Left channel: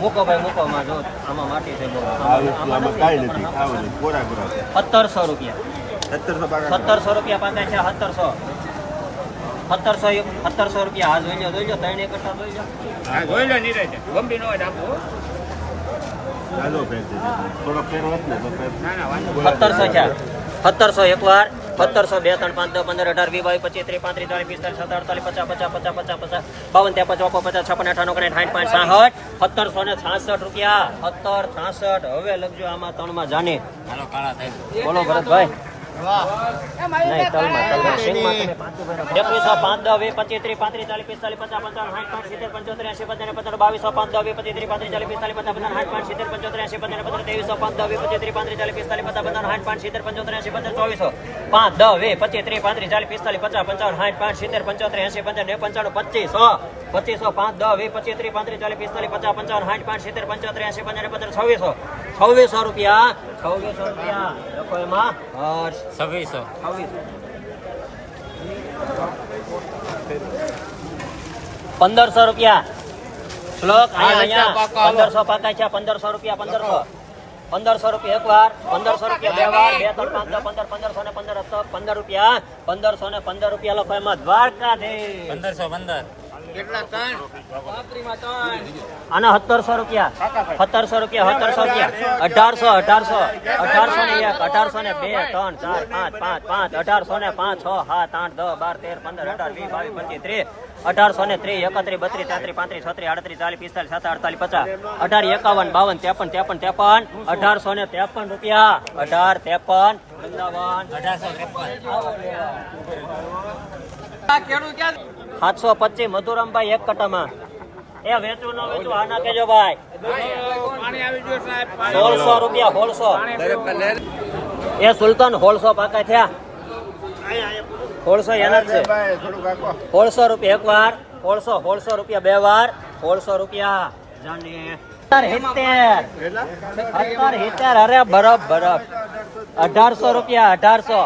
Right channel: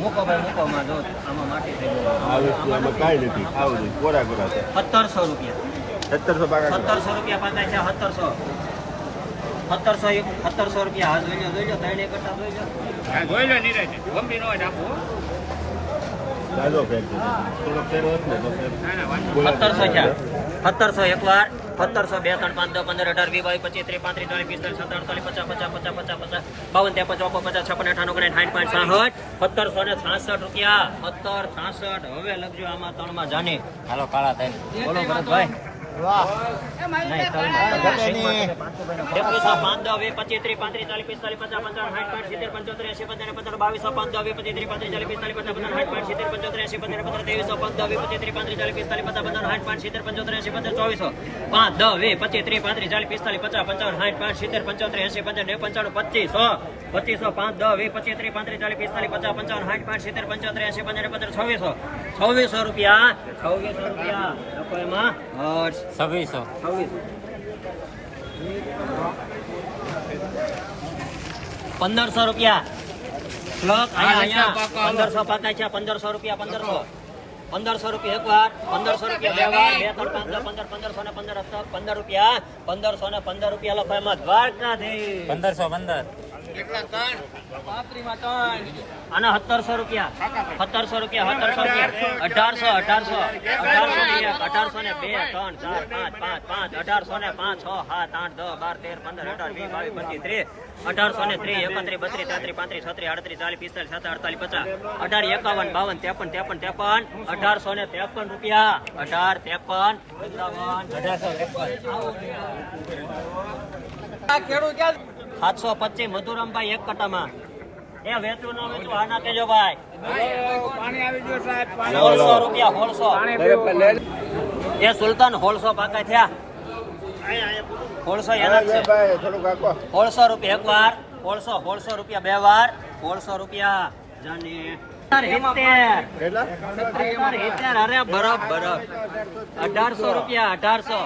મૂકો ભાઈ મૂકો માં જો આમાં માટી છે આ વસ્તુ આમાં કાંઈ નથી આવું નહીં કોરા કોરા છે? સત્તરસો રૂપિયા. સત્તરસો સત્તરસો રૂપિયા પાકાય છે સત્તરસો. સત્તરસો સત્તરસો રૂપિયા. આ જોઈ લો જોઈ લો ત્રણ એક કરતા જોઈ લો. ચાલો ફેર છે થોડોક ફેર હોત ને તો સત્તરસો છે સત્તરસો એક વાર. સત્તરસો બે, ત્રણ, પાંચ, દસ, પંદર, અઢાર વી બાવીસ, પચીસ, ત્રીસ, પાંત્રીસ, ચાલીસ, પિસ્તાલીસ સત્તર અડતાલીસ પચાસ પચાસ પચાસ પચાસ પચાસ, બાવન ત્યાં પચાસ પચાસ છપ્પન અઠાણું કરે સાઠ પાંચ સાઠ સત્તરસો ને છાસઠ રૂપિયા. સત્તર, છાસઠ. હવે લખજો આમાં ત્રણમાં જાને. હાલો, કાળા થાય બોલો ભરતભાઈ. એકવીસો પાંચ દસ વીસ પચીસ ત્રીસ પાંત્રીસ ચાલીસ પિસ્તાલીસ પચાસ પંચાવન સાઠ પાંચ, સિત્તેર, પંચોતેર એસી પંદર પંદર પાંચ દસ પચીસ ત્રીસ પાંત્રીસ ચાલીસ પિસ્તાલીસ પચાસ પંદર સાઠ પાંચ, સિત્તેર, પંચોતેર એંસી પંદર પંદર ત્રેવીસો પાંચ દસ વીસ પચીસ ત્રીસ પાંત્રીસ ચાલીસ પંદર સાઠ પાંચ સિત્તેર પંચોતેર એંસી પંદર પાંચ દસ વીસ પચીસ ત્રીસ પાંત્રીસ ચાલીસ પિસ્તાલીસ પચાસ પંચાવન સાઠ પાંચ, સિત્તેર, પંચોતેર એંસી પંદર ને પંચાણું પચીસો પચીસો પાંચ દસ વીસ પચીસ ત્રીસ પાંત્રીસ ચાલીસ પિસ્તાલીસ પચાસ પંચાવન સાઠ પાંચ સિત્તેર પંચોતેર એંસી પંદર પંદર છવ્વીસો છવ્વીસો રૂપિયા છવ્વીસો રૂપિયા. લખો એમાં. છવ્વીસો. છવ્વીસો. પંદરસો રૂપિયા. પંદરસો પાકા છે પંદરસો રૂપિયા પંદરસો. પંદરસો રૂપિયા એક વાર પંદરસો રૂપિયા બે વાર બે ત્રણ પાંચ પંદર પંદરસો ને પંદર પંદર રૂપિયા પંદરસો ને પંદર રૂપિયા લખો એમાં દ્વારકાધીશ. પંદરસો પંદર. આના સત્તરસો રૂપિયા. સત્તરસો રૂપિયા સત્તરસો રૂપિયા. અઢારસો અઢારસો અઢારસો ને એક, અઢારસો ને બે, ત્રણ, ચાર, પાંચ પાંચ પાંચ, અઢારસો ને પાંચ, છ, સાત, આઠ, દસ, બાર, તેર, પંદર, અઢાર, વીસ, બાવીસ, પચીસ, ત્રીસ, અઢારસો ને ત્રીસ, એકત્રીસ, બત્રીસ, તેત્રીસ, પાંત્રીસ, છત્રીસ, આડત્રીસ, ચાલીસ, પિસ્તાલીસ સત્તર અડતાલીસ, પચાસ, અઢાર, એકાવન, બાવન, ત્રેપન ત્રેપન ત્રેપન, અઢારસો ને ત્રેપન રૂપિયા. અઢાર, ત્રેપન પંચાવન અઢારસો, ત્રેપન. સાતસો પચીસ, મધુરમભાઈ એક કટામાં. એ વેચવું ના વેચવું આના ભાઈ. સોળસો રૂપિયા, સોળસો. એ સુલતાન હોળસો પાકા થયા. સોળસો એના છે. રૂપિયા એક વાર સોળસો સોળસો રૂપિયા બે વાર સોળસો રૂપિયા. અરે બરફ બરફ અઢારસો રૂપિયા અઢારસો.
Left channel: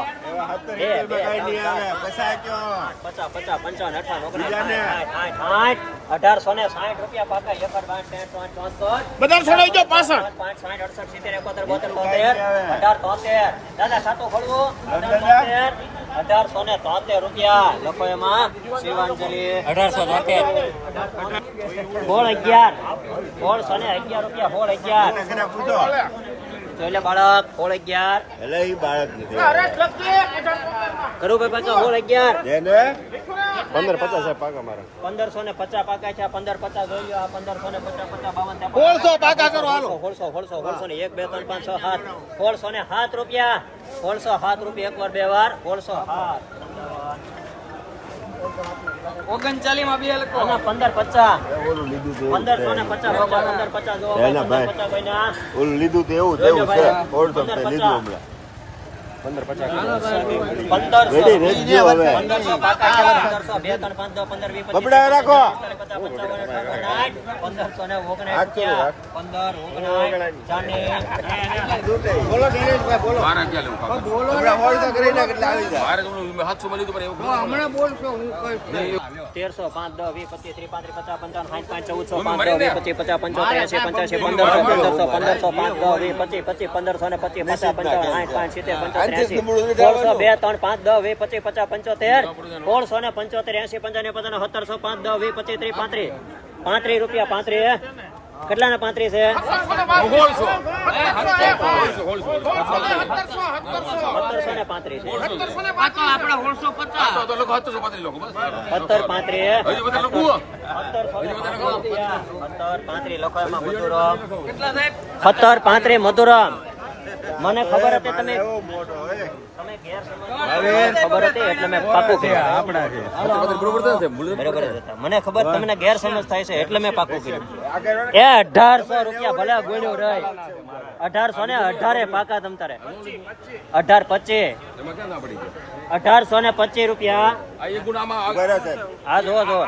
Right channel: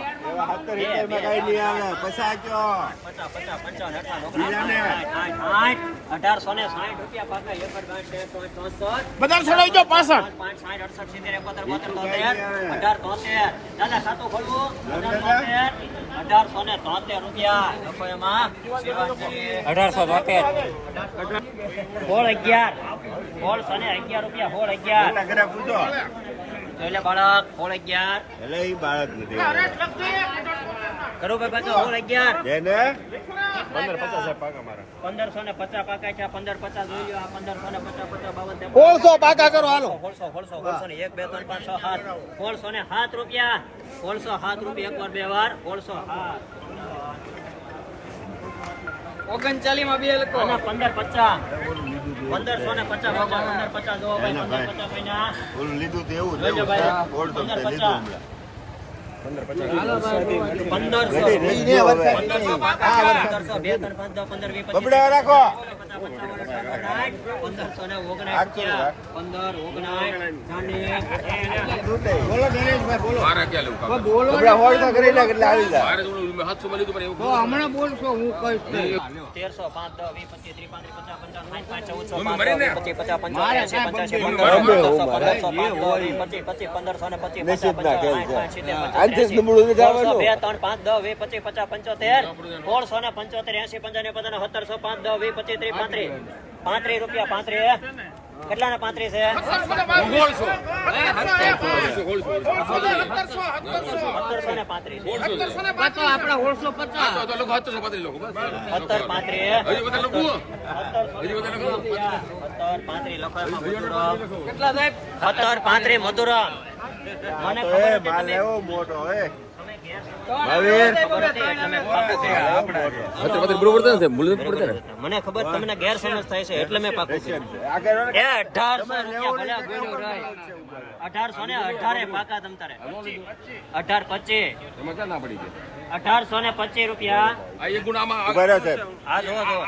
અઢારસો ને સાઠ રૂપિયા પાકા અઢાર તોતેર દાદા સાતો ખોલવું અઢારસો ને તોતેર. રૂપિયા લખો એમાં શિવાંજલિ અઢારસો તોતેર અગિયાર. સોળસો ને અગિયાર રૂપિયા સોળ અગિયાર. એના ઘરે પૂછો? બાળક સોળ અગિયાર. એટલે ઈ બાળક નથી કરું પાછા સોળ અગિયાર. એને પંદર પચાસ પાકા મારે. પંદરસો ને પચાસ પાકા છે પંદર પચાસ જોઈ લો આ પંદરસો ને પચાસ પચાસ બાવન સોળસો પાકા કરો હાલો. સોળસો સોળસો સોળસો ને એક બે ત્રણ પાંચ છ સાત. ને સાત રૂપિયા. સોળસો સાત રૂપિયા એક વાર બે વાર. સોળસો સાત. ઓગણચાલીસમાં બે લખો પંદર પચાસ પંદરસો ને છે. પચાસ પચાસ પંદર લીધું તો એવું એવું છે લીધું હમણાં બબડા રાખો. પંચાવન તેરસો પાંચ દસ વીસ પચીસ ત્રીસ પાંત્રીસ પચાસ પંચાવન સાઠ પાંચ ચૌદસો પાંચ દસ વીસ પચીસ પચાસ પંચોતેર એંસી પંચ્યાસી પંદરસો પંદરસો પાંચ દસ વીસ પચીસ પચીસ પંદરસો ને પચીસ પચાસ પંચાવન સાઠ પાંચ સિત્તેર એંસી સોળસો બે ત્રણ પાંચ દસ વીસ પચીસ પચાસ પંચોતેર. સોળસો ને પંચોતેર એંસી પંચાવન પંદર સત્તરસો પાંચ દસ વીસ પચીસ ત્રીસ પાંત્રીસ. પાંત્રીસ રૂપિયા પાંત્રીસ. કેટલા ના પાંત્રીસ. છે સત્તર પાંત્રીસ. સત્તર પાંત્રીસ મધુરા મધુરમ. મને ખબર હતી તમે મેં. મને ખબર તમને ગેરસમજ થાય છે એટલે મેં પાકું કર્યું. એ અઢારસો રૂપિયા ભલે ગણ્યું રહે. અઢારસો ને અઢારે પાકા તમ તારે. અઢાર પચીસ. અઢારસો ને પચીસ રૂપિયા. કરે છે. આ જો જો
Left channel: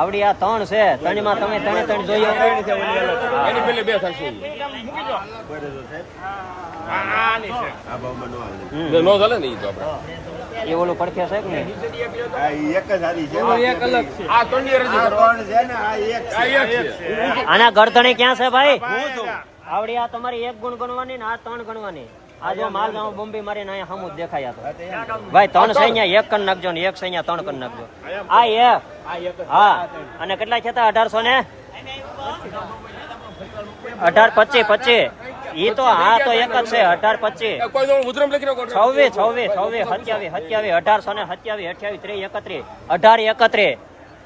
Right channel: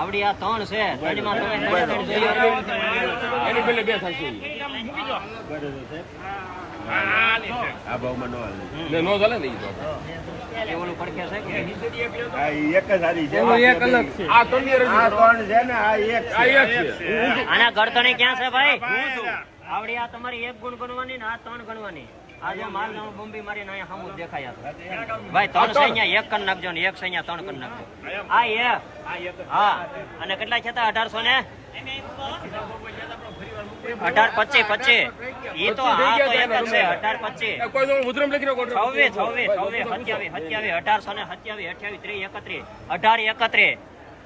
આવડી આ ત્રણ છે. ત્રણમાં તમે ત્રણે ત્રણ જોઈએ બે થશે સાહેબ આ ભાવમાં નો હાલે હમ. એ ઓલું પડખે છે કે આ એક જ હારી છે. એક અલગ છે. આ ત્રણ રજૂ ત્રણ છે ને આ એક આ એક છે. આના ગરદણે ક્યાં છે ભાઈ? આવડી આ તમારી એક ગુણ ગણવાની ને આ ત્રણ ગણવાની. આ જો માલ જાવ બોમ્બે મારીને અહીંયા સામું દેખાયા તો. ભાઈ ત્રણ છે અહીંયા એક કન નાખજો ને એક છે અહીંયા ત્રણ કન નાખજો. આ એક. હા. અને કેટલા થતા અઢારસો ને? અઢાર પચીસ પચીસ. ઈ તો હા તો એક જ છે અઢાર પચીસ. એ કોઈ દોડ મુદ્રમ લખી નાખો છવ્વીસ છવ્વીસ છવ્વીસ સત્યાવીસ સત્યાવીસ અઢારસો ને સત્યાવીસ અઠ્યાવીસ ત્રીસ એકત્રીસ. અઢાર એકત્રીસ.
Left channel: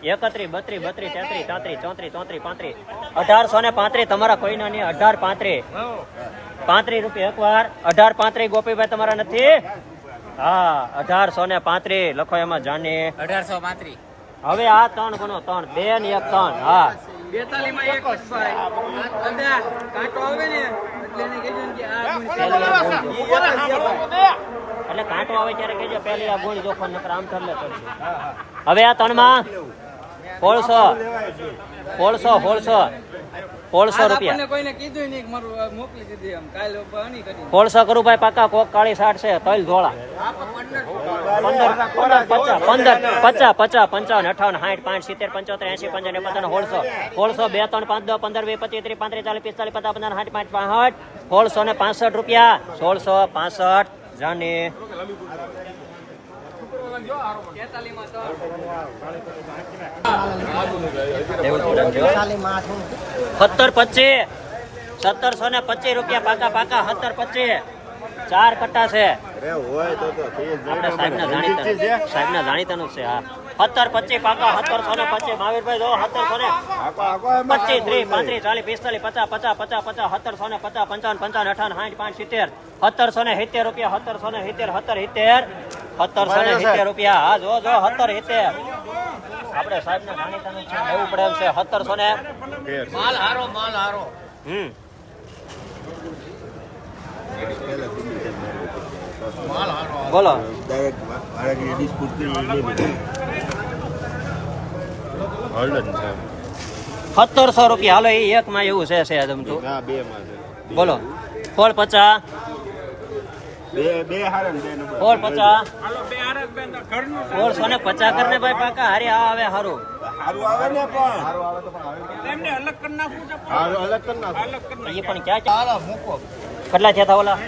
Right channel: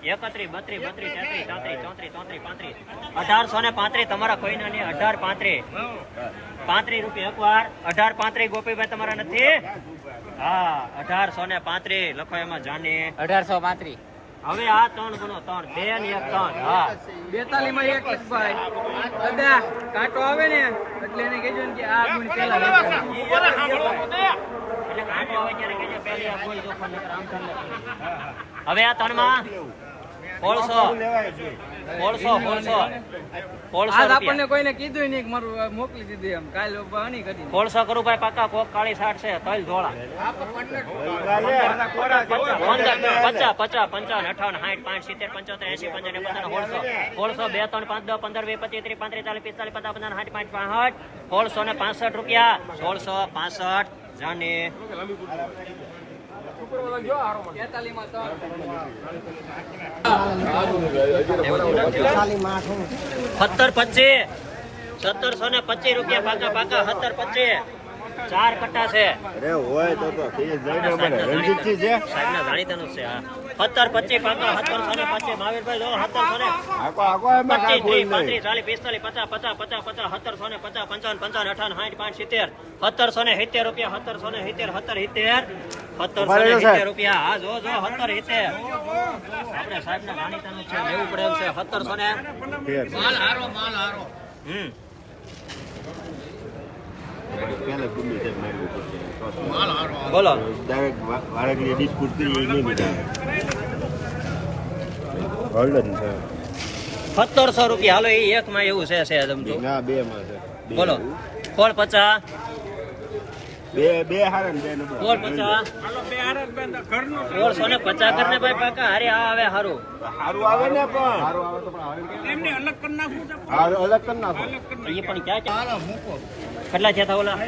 એકત્રીસ બત્રીસ બત્રીસ તેત્રીસ ચોત્રીસ ચોત્રીસ ચોત્રીસ પાંત્રીસ. અઢારસો ને પાંત્રીસ તમારા કોઈના અઢાર પાંત્રીસ. પાંત્રીસ રૂપિયા એકવાર. અઢાર પાંત્રીસ ગોપીભાઈ તમારા નથી? હા અઢારસો ને પાંત્રીસ. લખો એમાં જાને. અઢારસો પાંત્રીસ. હવે આ ત્રણ ગુણો ત્રણ. બે ને એક ત્રણ. હા. બેતાલીસમાં એક કાંટો આવે ને એટલે એને કહેજો ને કે આ ગુણ પેલા એટલે કાંટો આવે ત્યારે કહેજો પહેલી આ ગોળી જોખો નકર આમ ઠરલે હવે આ ત્રણમાં સોળસો લેવાય છે. સોળસો રૂપિયા. કોઈને કીધું નહીં મારું મોકલી દીધી એમ. કાલ સોળસો કરું. ભાઈ પાકા કોક કાળી સાઠ છે તલ ધોળા. પંદર પચાસ પચાસ પંચાવન અઠાવન સાઠ પાંચ સિત્તેર પંચોતેર એસી પંચાવન પંચાવન સોળસો સોળસો બે ત્રણ પાંચ દસ પંદર વીસ પચીસ ત્રીસ પાંત્રીસ ચાલીસ પિસ્તાલીસ પચાસ પંચાવન સાઠ પાંચ પાંસઠ. સોળસો ને પાસઠ રૂપિયા. સોળસો પાસઠ. જાને. સત્તર પચીસ. સત્તરસો ને પચીસ રૂપિયા પાકા પાકા. સત્તર પચીસ. ચાર કટ્ટા છે. અરે હોય તો તો કે જાણે મને. રણજીતજી છે? સાહેબને જાણીતાનું છે હા. સત્તર પચીસ કાકા સત્તરસો ને પચીસ મહાવીરભાઈ જો સત્તરસો ને આખો આખો એમાં પચીસ આ ત્રીસ બોલ પાંત્રીસ ચાલીસ પિસ્તાલીસ પચાસ પચાસ પચાસ પચાસ સત્તરસો ને પચાસ પંચાવન પંચાવન અઠાવન સાઠ સિત્તેર. સત્તરસો ને સિત્તેર રૂપિયા સત્તરસો ને સિત્તેર સત્તર સિત્તેર. સત્તરસો ને સિત્તેર રૂપિયા. હા જો જો સત્તર સિત્તેર. આપણે સાહેબને જાણીતાનું છે એવું પડે છે સત્તરસો ને. માલ હારો માલ હારો. હમ. પહેલા બોલો દરેક કરી છે સત્તરસો રૂપિયા. હાલો એ એક માં એવું છે છે સમજો ના બે માં છે. બોલો. ફોળ પચાસ. બે બે હારે બે નંબર ફોળ પચાસ. સોળસો ને પચાસ કરીને ભાઈ પાકા હારી આ આવે હારું. સારું આવે ને પણ. હારું આવે તો પણ અલગ કરી નાખવું છે હારું અલગ કરી નાખું. એ પણ ક્યાં ક્યાં કેટલા થયા ઓલા?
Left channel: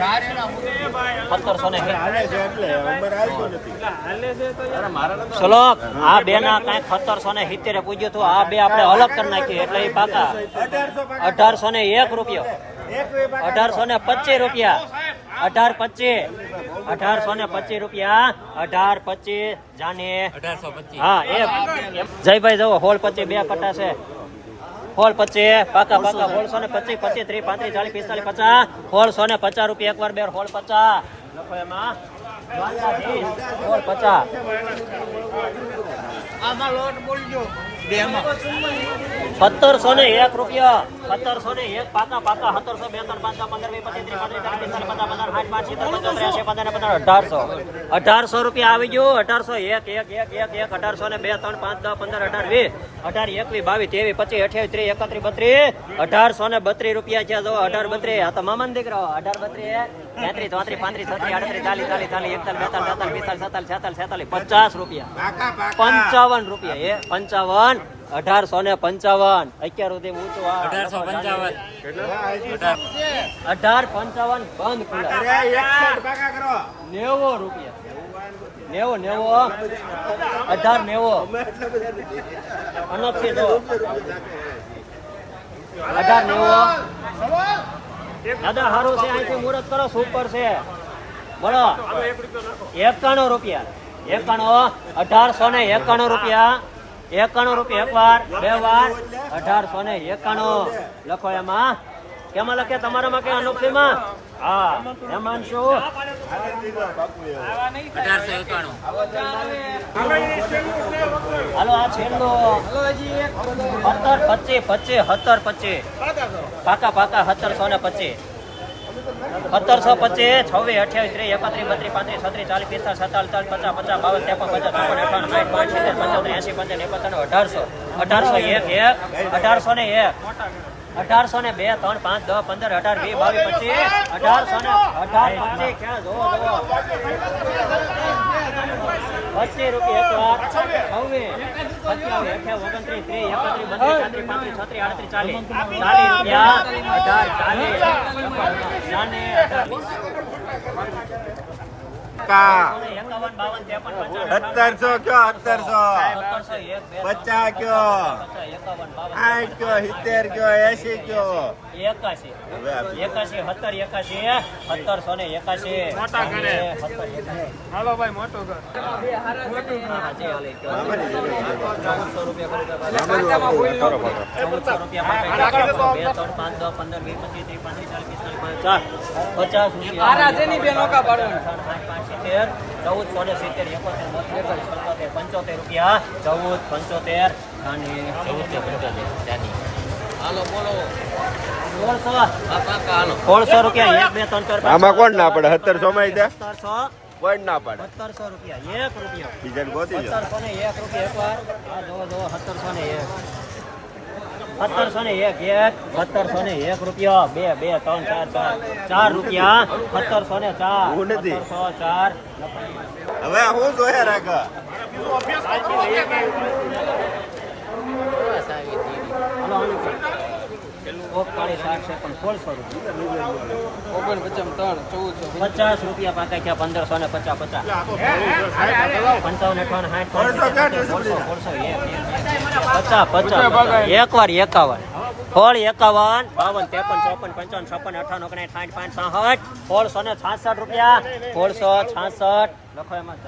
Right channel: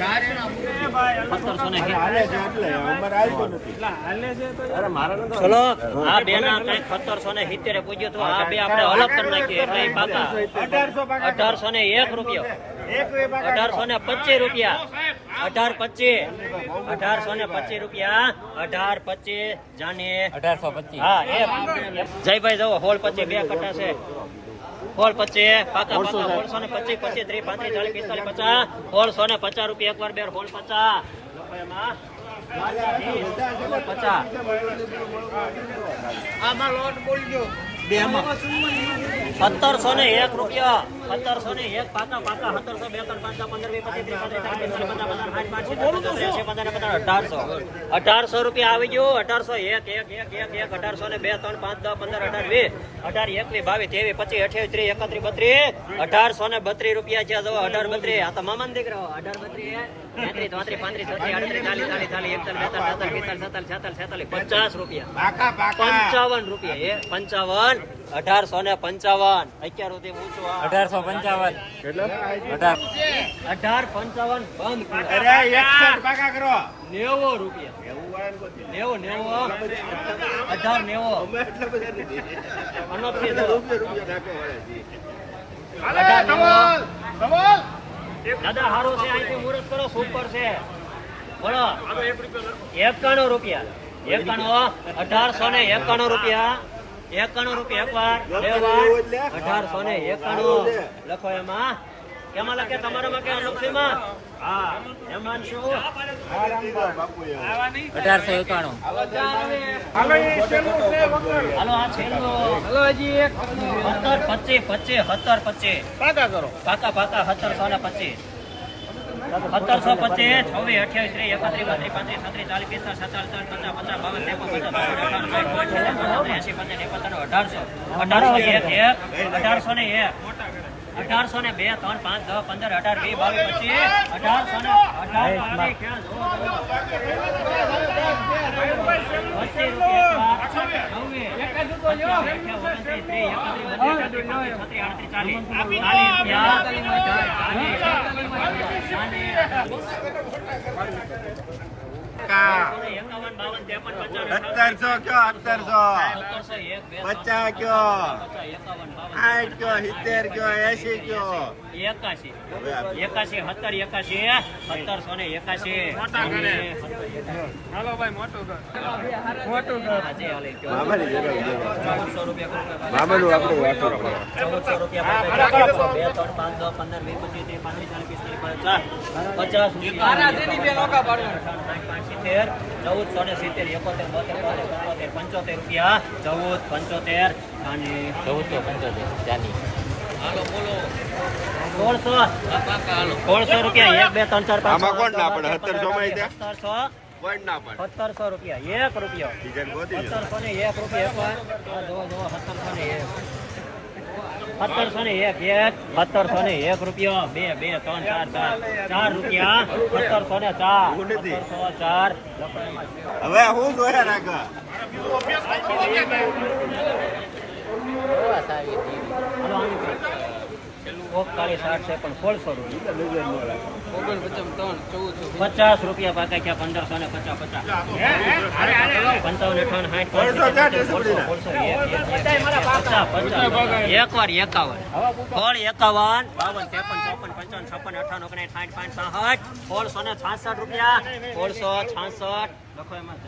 સત્તરસો ને. ચલો આ બે ના કંઈક સત્તરસો ને સિત્તેર પૂજ્યું હતું. આ બે આપણે અલગ કરી નાખીએ. એટલે એ પાકા અઢારસો ને એક રૂપિયો. અઢારસો ને પચીસ રૂપિયા. અઢાર પચીસ. અઢારસો ને પચીસ રૂપિયા. અઢાર પચીસ. જાને અઢારસો પચીસ. હા એક. જયભાઈ જવો હોલ પચીસ બે કટા છે. હોલ પચીસ પાકા પાકા હોલસો ને પચીસ પચીસ ત્રીસ પાંત્રીસ ચાલીસ પિસ્તાલીસ પચાસ. હોલસો ને પચાસ રૂપિયા એકવાર બે હોલ પચાસ. પચાસ. આમાં લોટ બોલી દો બે માં સત્તરસો ને એક રૂપિયા. સત્તરસો ને એક પાકા સત્તરસો બે ત્રણ પાંચ પંદર વીસ પચીસ અઢારસો. અઢારસો રૂપિયા આવી ગયું. અઢારસો એક એક એક એક એક અઢારસો ને બે ત્રણ પાંચ દસ પંદર અઢાર વીસ. અઢાર એકવીસ બાવીસ ત્રેવીસ પચીસ અઠ્યાવીસ ત્રીસ એકત્રીસ બત્રીસ. અઢારસો ને બત્રીસ રૂપિયા છે. જો અઢાર બત્રીસ. આ તો મામા દીકરો અઢાર બત્રીસ. તેત્રીસ ચોત્રીસ પાંત્રીસ છત્રીસ આડત્રીસ ચાલીસ ચાલીસ ચાલીસ એકતાલીસ બેતાલીસ બેતાલીસ પિસ્તાલીસ છેતાલીસ છેતાલીસ પચાસ રૂપિયા. પાકા પાકા. પંચાવન રૂપિયા એ પંચાવન અઢારસો ને પંચાવન. અત્યાર સુધી ઊંચું. અઢારસો પંચાવન. અઢાર. અઢાર પંચાવન બંધ કરો. નેવો રૂપિયા. નેવો નેવો અઢાર નેવો. રૂપિયા. નાખો અઢાર નેવો. દાદા સારું છે, અહીંથી મુહૂર્ત કરો, સુપર છે. બોલો. એકાણું રૂપિયા. એકાણું અઢારસો ને એકાણું રૂપિયા. એકાણું રૂપિયા એક વાર, બે વાર. અઢારસો ને એકાણું. લખો એમાં. કેમાં લખે? તમારામાં કે અનોખીમાં હા એમાં શું આને દીધો બાપુ એ અઢારસો એકાણું હાલો આ છેલ્લો હલો હજી એક સત્તર પચીસ પચીસ સત્તર પચીસ પાકા કરો પાકા પાકા સત્તરસો ને પચીસ સત્તરસો પચીસ છવ્વીસ અઠ્યાવીસ ત્રીસ એકત્રીસ બત્રીસ પાંત્રીસ છત્રીસ ચાલીસ પિસ્તાલીસ સત્તાવીસ ચાલીસ પચાસ પચાસ બાવન ત્રેપન પચાસ પંચોતેર પંચાવન એકાવન અઢારસો અઢારસો એક અઢારસો ને એક અઢારસો ને બે ત્રણ પાંચ દસ પંદર અઢાર વીસ બાવીસ પચીસ અઢારસો ને અઢાર પાણી ક્યાં જોવો જોવો પચીસ રૂપિયા છવ્વીસ ઓગણત્રીસ ત્રીસ એકત્રીસ બત્રીસ પાંત્રીસ છત્રીસ આડત્રીસ ચાલીસ ચાલીસ રૂપિયા ચાલીસ સત્તરસો કયો? સત્તરસો પચાસ સિત્તેર કયો? એસી કયો? એકાશી. એકાશી સત્તર એકાશી સત્તરસો ને એકાશી. ત્રણસો રૂપિયા ચૌદસો રૂપિયા બે ત્રણ પાંચ દસ પંદર વીસ પચીસ ત્રીસ પાંત્રીસ ચાલીસ પચાસ પચાસ રૂપિયા. સિત્તેર એકોતેર બોતેર પંચોતેર પંચોતેર રૂપિયા. ચૌદ પંચોતેર અને ચૌદસો પંચોતેર ચાલી સોળસો. સોળસો રૂપિયા એક બે ત્રણ ચાર આમાં કોણ ના પડે? સત્તરસો માં સત્તરસો. રૂપિયા એક રૂપિયા. સત્તરસો ને એક રૂપિયા એક વાર જો જો સત્તરસો ને એક. સત્તરસો ને એક એક સત્તરસો ને એક રૂપિયો બે બે ત્રણ ચાર ચાર. ચાર રૂપિયા સત્તરસો ને ચાર સત્તરસો ચાર. હવે હું જોયા હલો હાલો ઓગતાળીસ છે પણ સોળસો રૂપિયા પચાસ રૂપિયા પાકા ક્યાં પંદરસો ને પચાસ પચાસ. પંચાવન અઠાવન સાઠ સોળસો પચાસ પચાસ એકવાર એકાવન. સોળ એકાવન બાવન ત્રેપન ચોપન પંચાવન છપ્પન અઠાવન ઓગણીસ સાઠ પાંચ સાઠ સોળસો ને છાસઠ રૂપિયા. સોળસો છાસઠ. લખો એમાં